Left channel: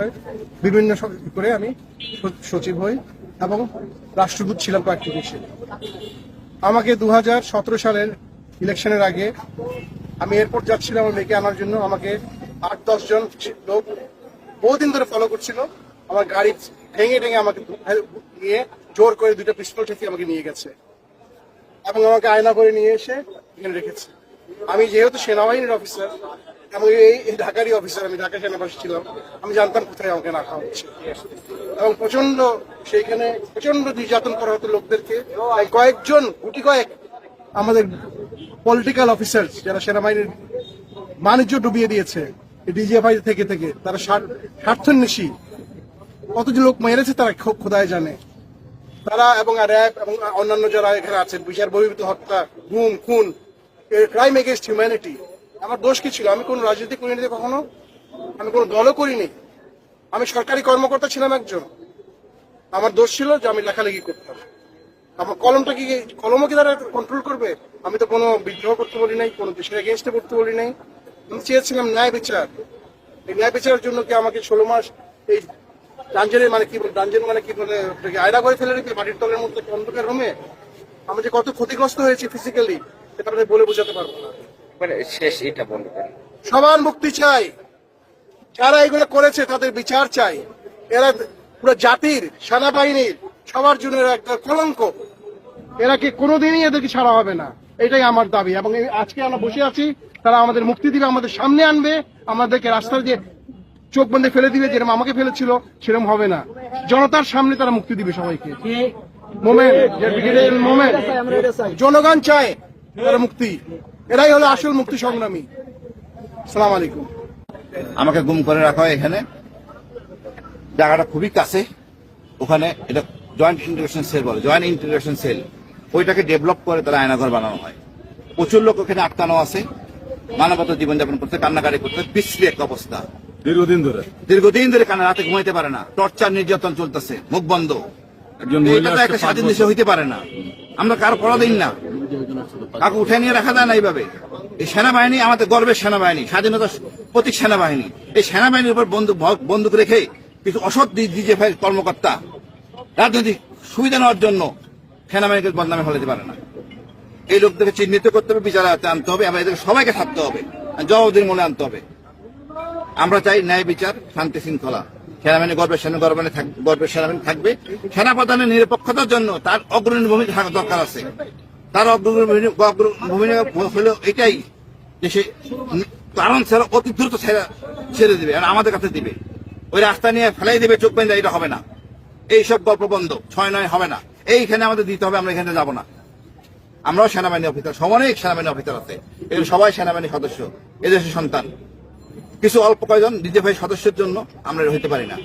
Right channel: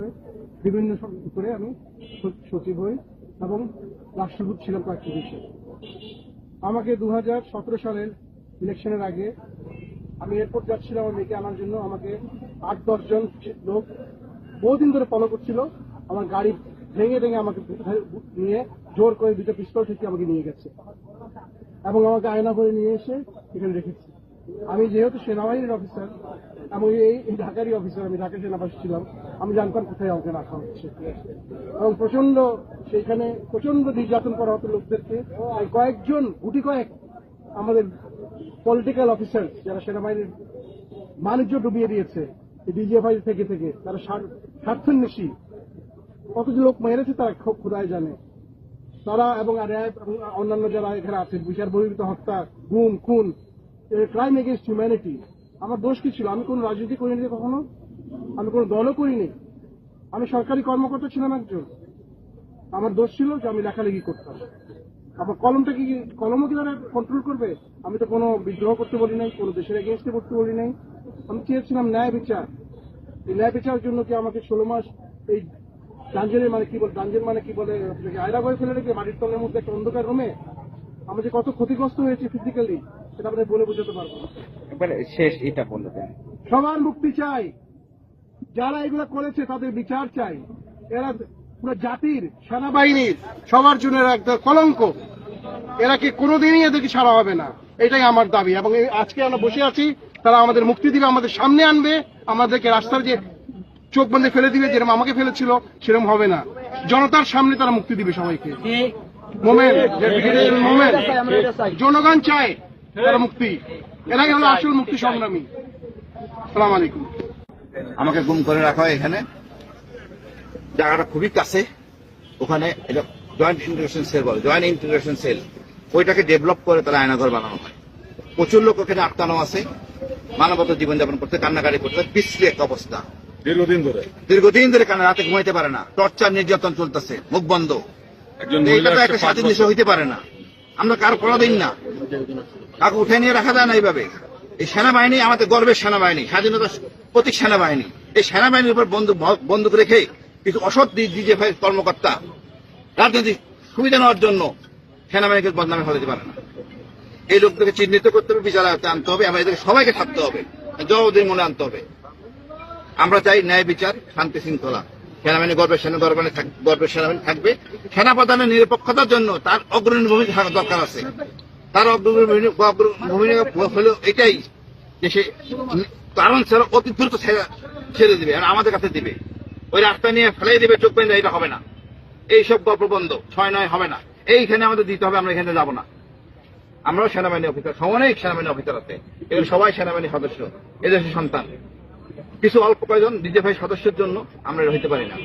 বিভিন্ন করে আমি সচিব হই এবং রাষ্ট্রদূত ছিলাম কয়েকটি দেশে। আমাকে 2017 সালের ইলেকশনের আগে আমি এয়ারপোর্ট যাচ্ছিলাম আমার মেয়েকে আনার জন্য। আমাকে 8-10 জন লোক বহুদিন ধরে ফলো করছিল। আমার গাড়ি ভেঙে আমাকে নিয়ে জোর করে 2টা পিস্তল ঠেকিয়ে আমাকে নিয়ে গেছে এবং আমাকে আয়না করে নিয়ে এসে এখানে রেখেছে। আমি যেহেতু সেনাবাহিনীর অফিসার এবং এই ঢাকারই অফিসার, আমি ঢাকা সেনাবাসী ছিলাম, আমি জানতাম কোথায় আমাকে রাখা হচ্ছে এবং সেইখানে প্রচন্ড নির্যাতন করা হতো লোকদেরকে। কয়েকজন গুটি কয়েক আমাদের পলিটিক্যাল অফিসার যারা সেনাবাহিনীর বাণিজ্য ডুবিয়ে দিয়েছে ডিজিএফআই থেকে তারা স্বার্থন্বেষী কতজন লোক মেরেছে তারা খোদায় জানে। তারা এবং র্যাব এবং অন্যান্য যারা এখানে আছেন, বিচার বহির্ভূত হত্যা, গুম, খুন, ক্রাইম এগেইনস্ট হিউম্যানিটি। আমার দোষ কি ছিল? আমি কোন রাজনৈতিক কমিউনিটিতে কখনো আমি কোনো দলও করিনি। আমি সরকারি কর্মকর্তা ছিলাম একজন। আমার দোষ ছিল যে আমি লেখালেখি করতাম। আমার কলমও কি তারা কন্ট্রোল করবে? আমি তো কোনো বিদ্রোহ করতে বলি নাই, কোনো দেশের এগেইনস্টে করতে বলি নাই। আমি চেয়েছিলাম ন্যায় বিচার। এই ন্যায় বিচারের জন্য কি আমাকে 16 মাস এই ডাঞ্জনের মানে কি বলে আয়না করে ফেলে রেখে মাটির তলের মধ্যে একটা অন্ধকার রুমে আমি যে কত ক্ষতিগ্রস্ত হয়েছি ফিজিক্যালি সেটা আমি বলে বোঝাতে পারবো না। শেষ এটা বলবেন, সবার মুক্তি চাই। যারা এগুলো করেছে তাদের বিচার চাই। এরা পুরো জাতির, সেনাবাহিনীর সবার জন্য এরা একটা কলঙ্ক। এরা কি কোনোদিনই এদেরকে ছাড়া হবে না, এটাই আমার দাবি। এবং আজকে আমরা বসে আছি, তারা আমাদের মুক্তি দিবে, আমাদের সামনে আনবে, আমাদেরকে রাস্তায় দিয়ে চোখ বন্ধে ফেলে দিবে, যেরকম আমাকে ফেলেছিল সেরকম হবে না। জনতার সামনে তারা মুক্তি দিবে সবাইকে। জনগণ চায় তারা মুক্তি। এরাই হলো আসল মুক্তি সংগ্রামী। আসসালামু আলাইকুম। আমাকে গুম করে রাখা হয় এখানে, জায়গাটা খুবই কাছে। ওখানে এটা জয়েন্ট ইন্টিগ্রেশন সেল বলে, জয়েন্ট ইন্টিগ্রেশন সেল। ওইটাকে ডেভেলপ করে তারা আয়নাঘর বানানো হয়। প্রচুর লোক ওখানে আটকানো আছে, মানবতা জীবনযাপন করতে, কান্নাকাটি করতে, বিশ্রী এক অবস্থা। দীর্ঘদিন ধরে কান্না, রাতে ঘুমাইতে পারে না, টর্চার নির্যাতন চলতেছে, মুখ বন্ধ। এটা তো একটা স্বাধীন দেশে হইতে পারে না। আমরা কারো পরাধীন না, কাউকে উঠে নিয়ে রাখা যায় না এইভাবে। এই সেনাবাহিনী আমাদের গর্বের সেনাবাহিনী, স্বাধীনতার প্রতীক সেনাবাহিনী। এই সেনাবাহিনীর উপর বন্দুক রেখে কিছু অসৎ ডিজিএফআই কর্মকর্তা রাজনৈতিক সুবিধা নেওয়ার জন্য সেনাবাহিনীকে বদনামে ফেলতে পারে না। এই লোকদেরকে চিহ্নিত করতে হবে, বিচারে আনতে হবে, আমরা এদেরকে সবাইকে থাকতে হবে, জবাবদিহির মনে আনতে হবে। আমরা চাই ন্যায় বিচার, শান্তি শৃঙ্খলা। সেনাবাহিনী গর্বের সেনাবাহিনী থাকবে। সেনাপ্রধানের নিরপেক্ষতার জন্য তার অগ্রণী ভূমিকা থাকা দরকার আছে। তার ভূমিকা হলো এটাই যে সে কারণ ছাড়া অতি দ্রুত ছেড়ে দিবে আর আমাদের কাছে দিবে। ওই রাস্তা নিয়ে ফেলাই দিবে, চোখ বেঁধে, এটা হবে না। এইসব গল্প বন্ধ, 6-9 হবে না। এইখানে আমাদের দিতে হবে, আমরা এখানে যাব না। আমরাও সেনাবাহিনী অফিসার, অনেক সেনাবাহিনী অফিসার আছে, এগুলো সবাই সেনাবাহিনী সদস্য, এই দেশের সন্তান। কিছু অল্প কয়েকজন ডিজিএফআই সদস্যের জন্য আমরা হইতে পারি না।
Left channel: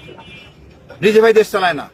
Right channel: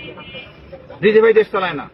ডিজিএফআই দেশ চালায় না।